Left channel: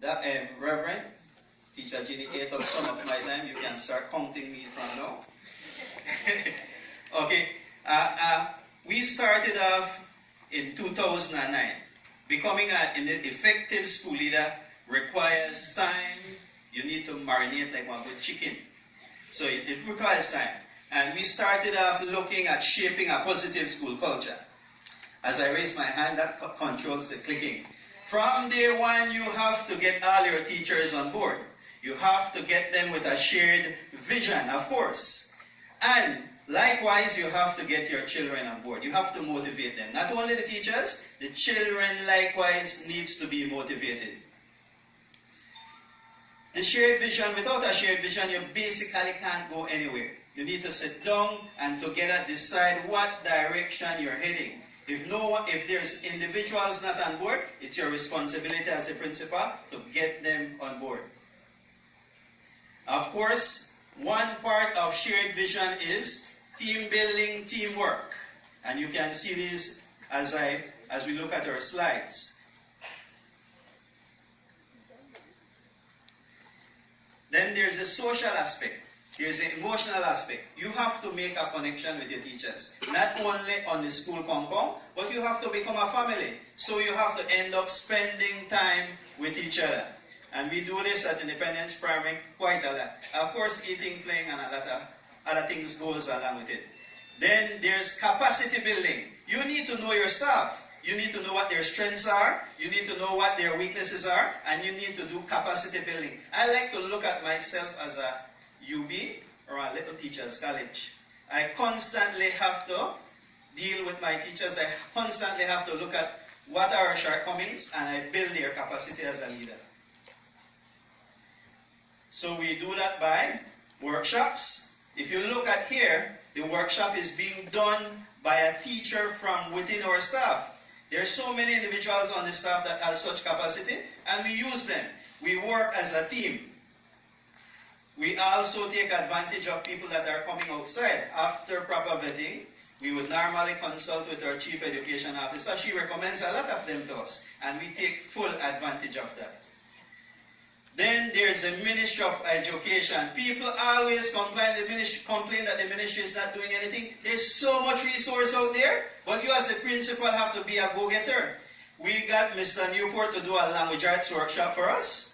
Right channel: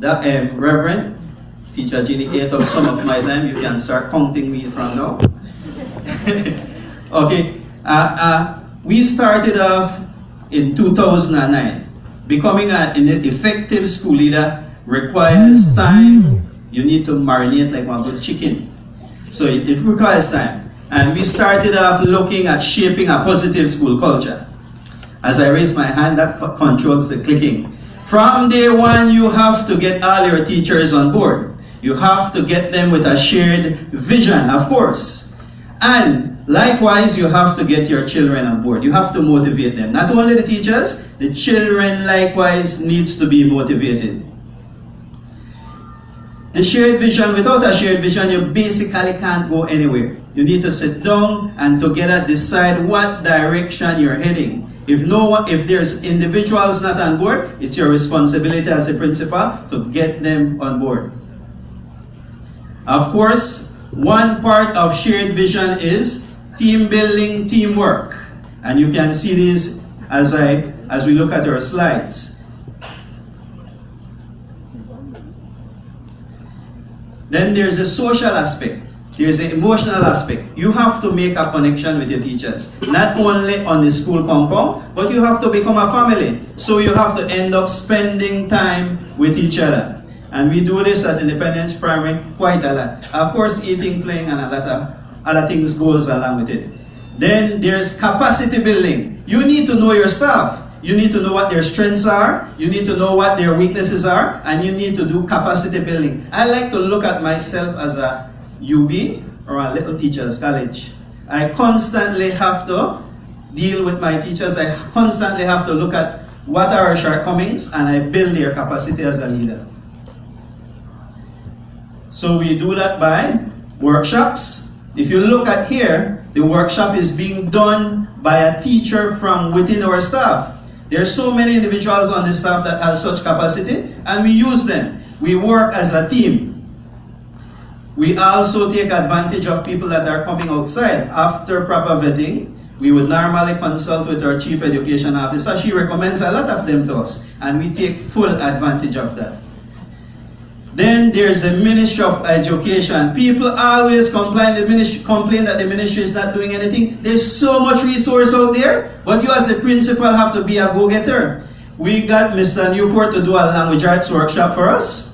That Reverend, Teacher Ginny ate up some of my time. You can start counting me from now. Okay. We started off in 2009. Becoming an effective school leader requires time. You need to marinate like one good chicken. So it requires time. And we started off looking at shaping a positive school culture. As I raise my hand, that controls the clicking. From day one, you have to get all your teachers on board. You have to get them with a shared vision, of course. And likewise, you have to get your children on board. You have to motivate them. Not only the teachers, the children likewise needs to be motivated. The shared vision, without a shared vision, you basically can't go anywhere. You need to sit down and together decide what direction you're heading. If there's individuals not on board, it's your responsibility as a principal to get them on board. Of course, one part of shared vision is team building, teamwork. And you can see this as we look at our slides. Then there's a social aspect. There's an emotional aspect. You have to make a connection with your teachers. Not only on the school compound, but you have to become a family. So you have to end up spending time with each other. And we do this at Independence Primary quite a lot. Of course, eating, playing, and a lot of other things goes along with it. Then there's capacity building. You need to know your staff. You need to know what their strengths are. You need to know what their weaknesses are. And you need to do capacity building. I like to look at myself as a UB or a Little Teachers College. I constantly have to deal with my teachers. I constantly have to look at what are our shortcomings and I build their capacity as a leader. So we do that by workshops. If you look at here, the workshop is being done by a teacher from within our staff. There are so many individuals on the staff that have such capacity and we use them. We work as a team. We also take advantage of people that are coming outside. After proper vetting, we would normally consult with our Chief Education Officer. She recommends a lot of them to us, and we take full advantage of that. Then there's the Ministry of Education. People always complain that the ministry is not doing anything. There's so much resource out there, but you as a principal have to be a go-getter. We got Mr. Newport to do a language arts workshop for us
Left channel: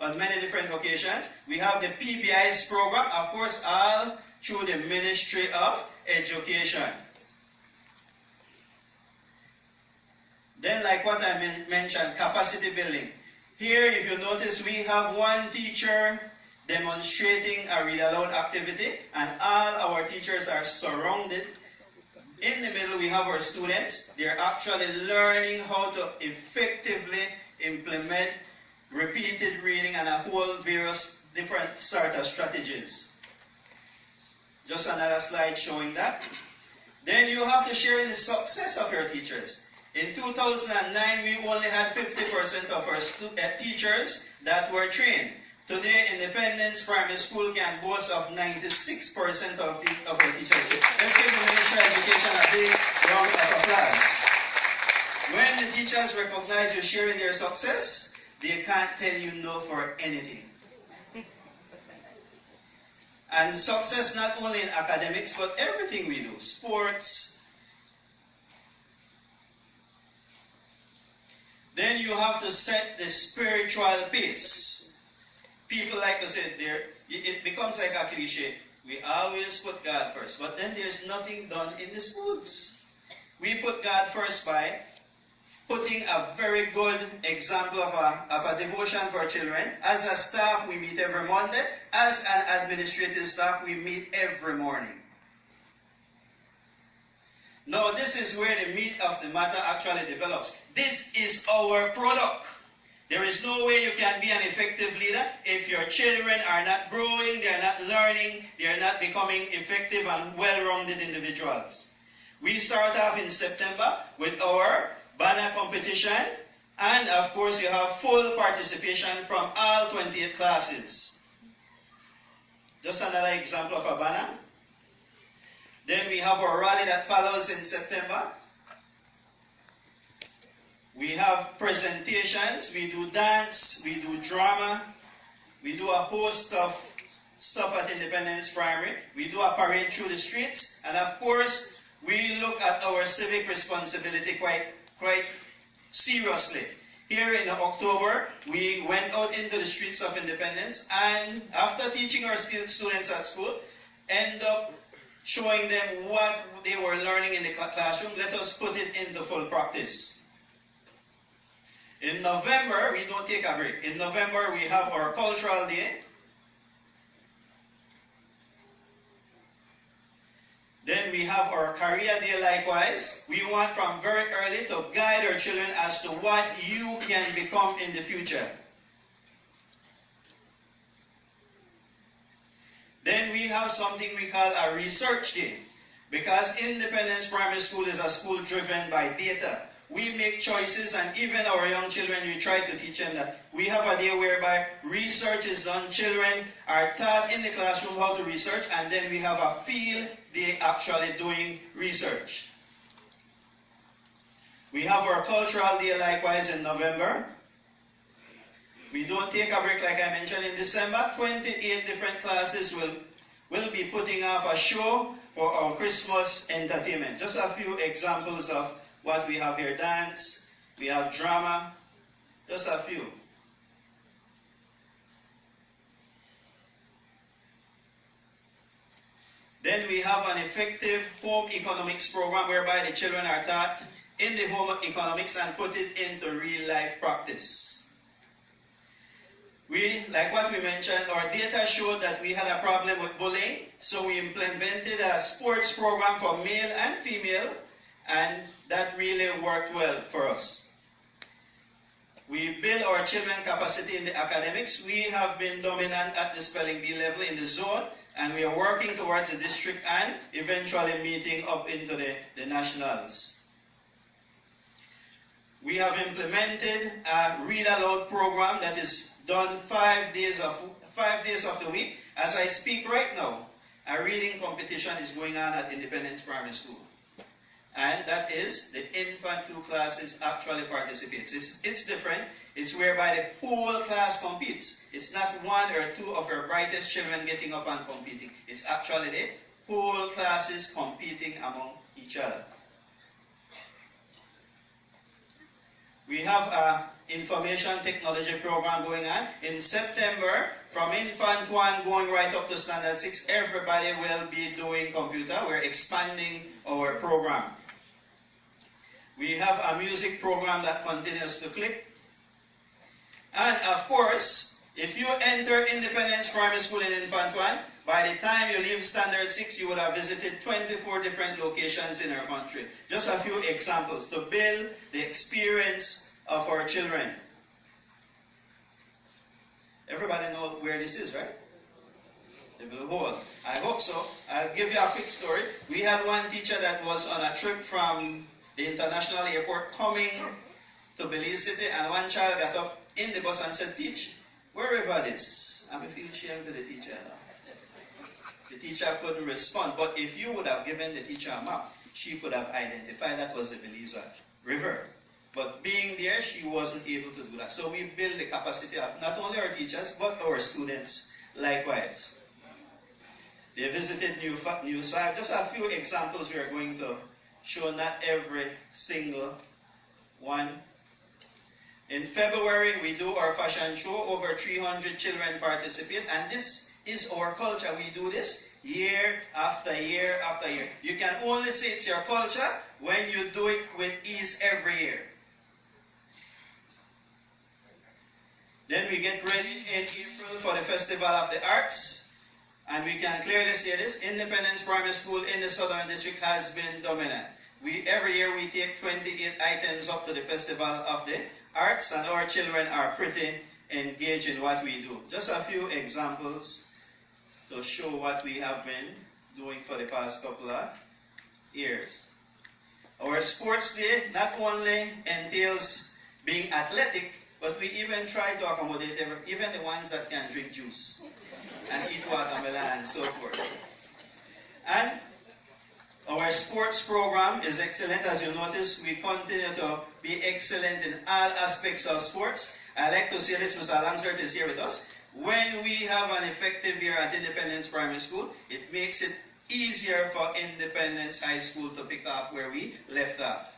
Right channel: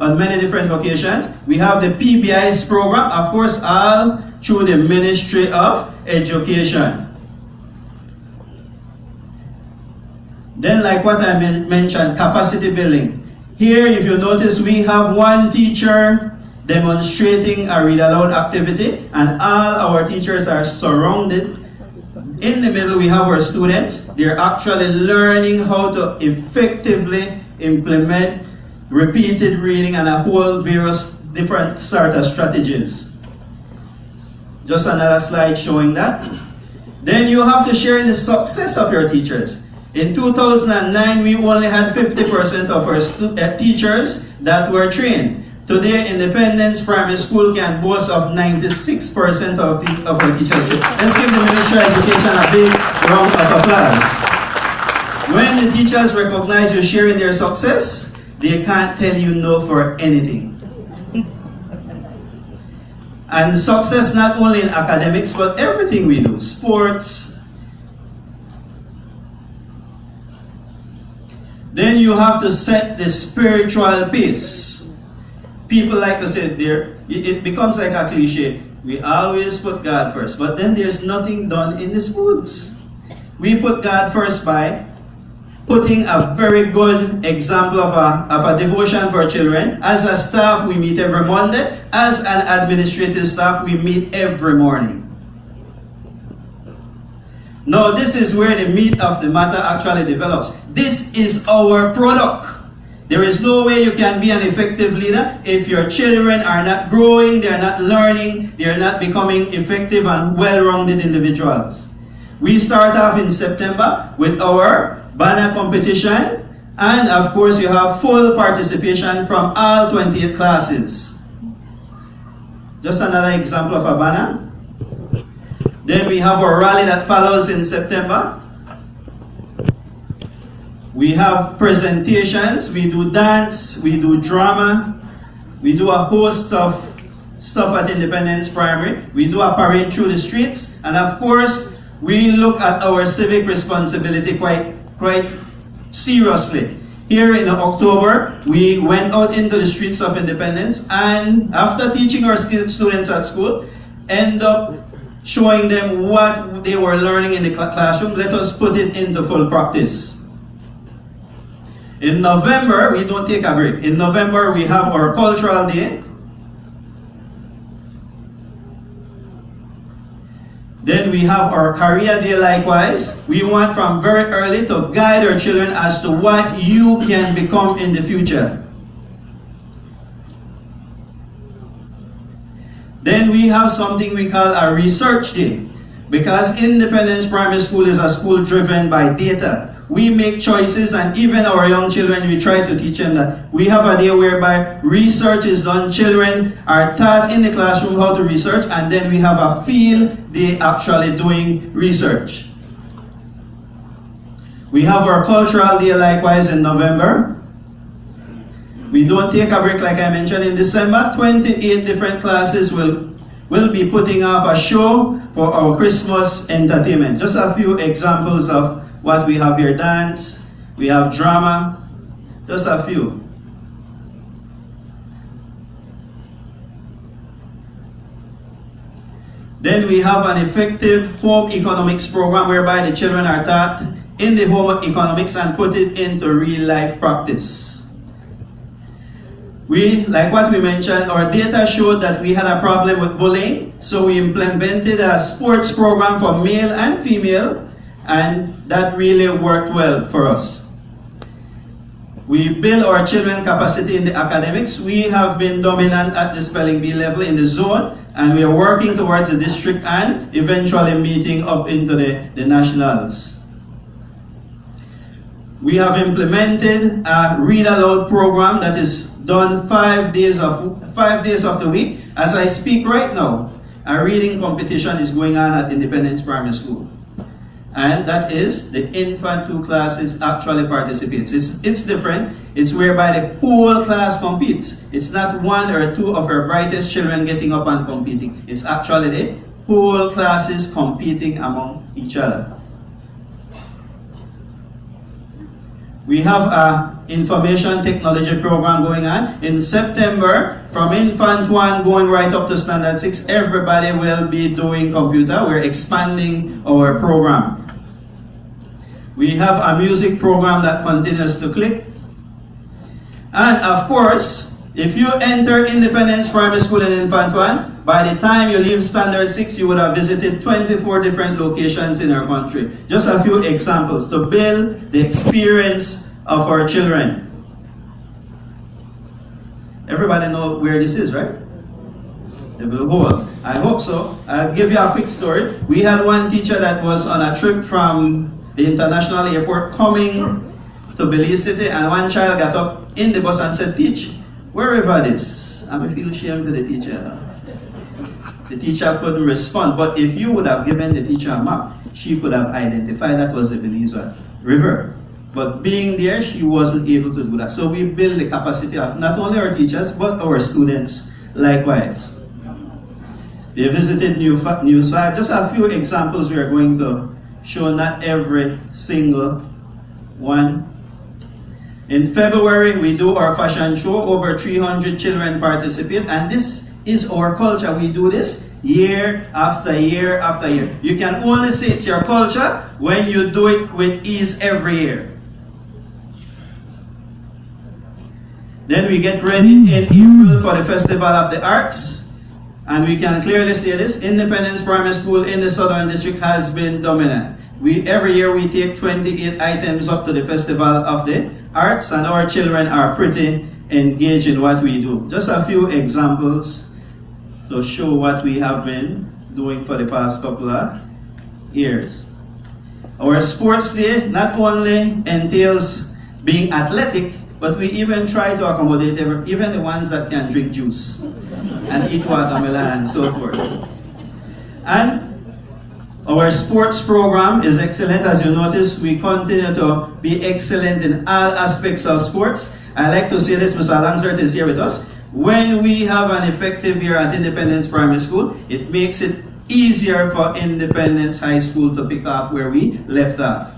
on many different occasions. We have the PBI's program, of course, all through the Ministry of Education. Then, like what I mentioned, capacity building. Here, if you notice, we have one teacher demonstrating a read aloud activity, and all our teachers are surrounded. In the middle, we have our students. They're actually learning how to effectively implement repeated reading and a whole various different sort of strategies. Just another slide showing that. Then you have to share the success of your teachers. In 2009, we only had 50% of our teachers that were trained. Today, Independence Primary School can boast of 96% of our teachers. Let's give the Ministry of Education a big round of applause. When the teachers recognize you sharing their success, they can't tell you no for anything. And success not only in academics, but everything we do. Sports. Then you have to set the spiritual pace. People like to say there, it becomes like a cliche. We always put God first, but then there's nothing done in the schools. We put God first by putting a very good example of a devotion for children. As a staff, we meet every Monday. As an administrative staff, we meet every morning. Now, this is where the meat of the matter actually develops. This is our product. There is no way you can be an effective leader if your children are not growing, they are not learning, they are not becoming effective and well-rounded individuals. We start off in September with our banner competition, and of course you have full participation from all 28 classes. Just another example of a banner. Then we have our rally that follows in September. We have presentations, we do dance, we do drama, we do a host of stuff at Independence Primary. We do a parade through the streets, and of course, we look at our civic responsibility quite seriously. Here in October, we went out into the streets of Independence, and after teaching our students at school, end up showing them what they were learning in the classroom. Let us put it into full practice. In November, we don't take a break. In November, we have our Cultural Day. Then we have our Career Day likewise. We want from very early to guide our children as to what you can become in the future. Then we have something we call a Research Day. Because Independence Primary School is a school driven by data. We make choices, and even our young children, we try to teach them that we have a day whereby research is done. Children are taught in the classroom how to research, and then we have a field day actually doing research. We have our Cultural Day likewise in November. We don't take a break like I mentioned. In December, 28 different classes will be putting off a show for our Christmas entertainment. Just a few examples of what we have here. Dance, we have drama, just a few. Then we have an effective home economics program whereby the children are taught in the home economics and put it into real life practice. Like what we mentioned, our data showed that we had a problem with bullying, so we implemented a sports program for male and female, and that really worked well for us. We build our children's capacity in the academics. We have been dominant at the spelling bee level in the zone, and we are working towards the district and eventually meeting up into the nationals. We have implemented a read aloud program that is done 5 days of the week. As I speak right now, a reading competition is going on at Independence Primary School. And that is the infant 2 classes actually participates. It's different. It's whereby the whole class competes. It's not 1 or 2 of our brightest children getting up and competing. It's actually the whole classes competing among each other. We have an information technology program going on. In September, from Infant 1 going right up to Standard 6, everybody will be doing computer. We're expanding our program. We have a music program that continues to click. And of course, if you enter Independence Primary School in Infant 1, by the time you leave Standard 6, you would have visited 24 different locations in our country. Just a few examples to build the experience of our children. Everybody know where this is, right? The Blue Hole. I hope so. I'll give you a quick story. We had one teacher that was on a trip from the international airport coming to Belize City, and one child got up in the bus and said, "Teach, wherever this?" I feel shame for the teacher. The teacher couldn't respond, but if you would have given the teacher a map, she could have identified that was the Belize River. But being there, she wasn't able to do that. So we build the capacity of not only our teachers, but our students likewise. They visited News 5. Just a few examples we are going to show, not every single one. In February, we do our fashion show. Over 300 children participate, and this is our culture. We do this year after year after year. You can only say it's your culture when you do it with ease every year. Then we get ready in April for the Festival of the Arts. And we can clearly say this, Independence Primary School in the Southern District has been dominant. Every year we take 28 items up to the Festival of the Arts, and our children are pretty engaged in what we do. Just a few examples to show what we have been doing for the past couple of years. Our sports day not only entails being athletic, but we even try to accommodate even the ones that can drink juice and eat watermelon and so forth. And Our sports program is excellent. As you notice, we continue to be excellent in all aspects of sports. I like to say this, Mr. Langsworth is here with us. When we have an effective year at Independence Primary School, it makes it easier for Independence High School to pick up where we left off.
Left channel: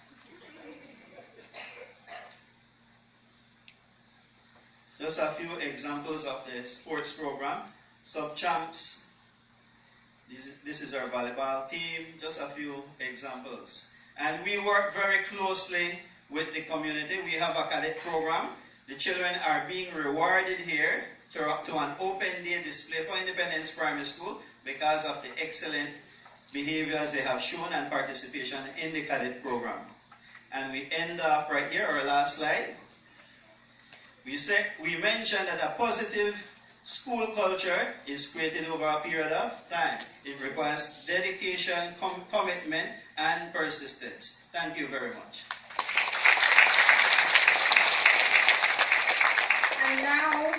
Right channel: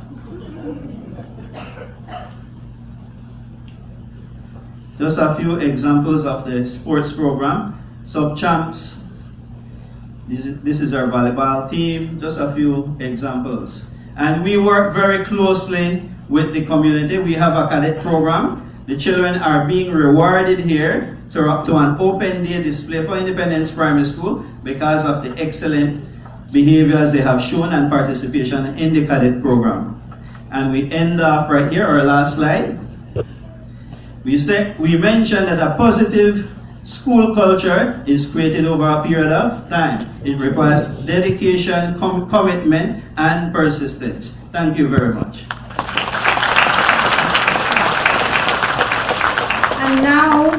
Just a few examples of the sports program. Sub-champs. This is our volleyball team. Just a few examples. And we work very closely with the community. We have a cadet program. The children are being rewarded here to an open day display for Independence Primary School because of the excellent behaviors they have shown and participation in the cadet program. And we end off right here, our last slide. We mentioned that a positive school culture is created over a period of time. It requires dedication, commitment, and persistence. Thank you very much. And now,